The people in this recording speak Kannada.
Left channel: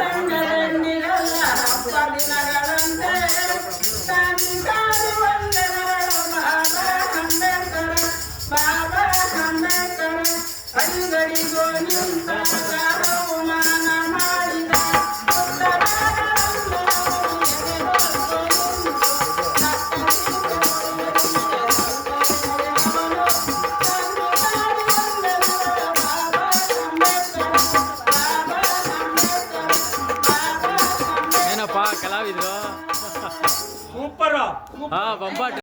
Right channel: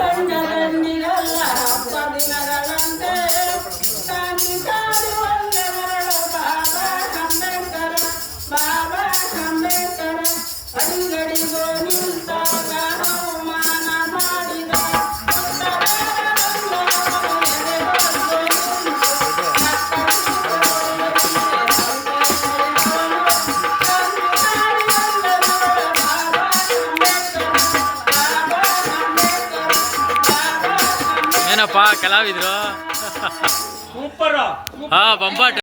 ರಂಗದಂಡಿಗಲ್ಲ ಹಬ್ಬ ದಿನಗಳಂತೆ ಕ್ರಾಂತಿಕಾರಿ ವಂದನೆಗಳು ಬಾಬಾ ಅಂಬೇಡ್ಕರ ಅಡಿಗಡಿಗೋ ನಿಂತಾಗ ಅವಮಾನ ಮಾಡಿದ ಏನಪ್ಪ ಕಲಾವಿದ್ರು ಸೂಪರ್ ಹಾ ಬಂಬಾಟ್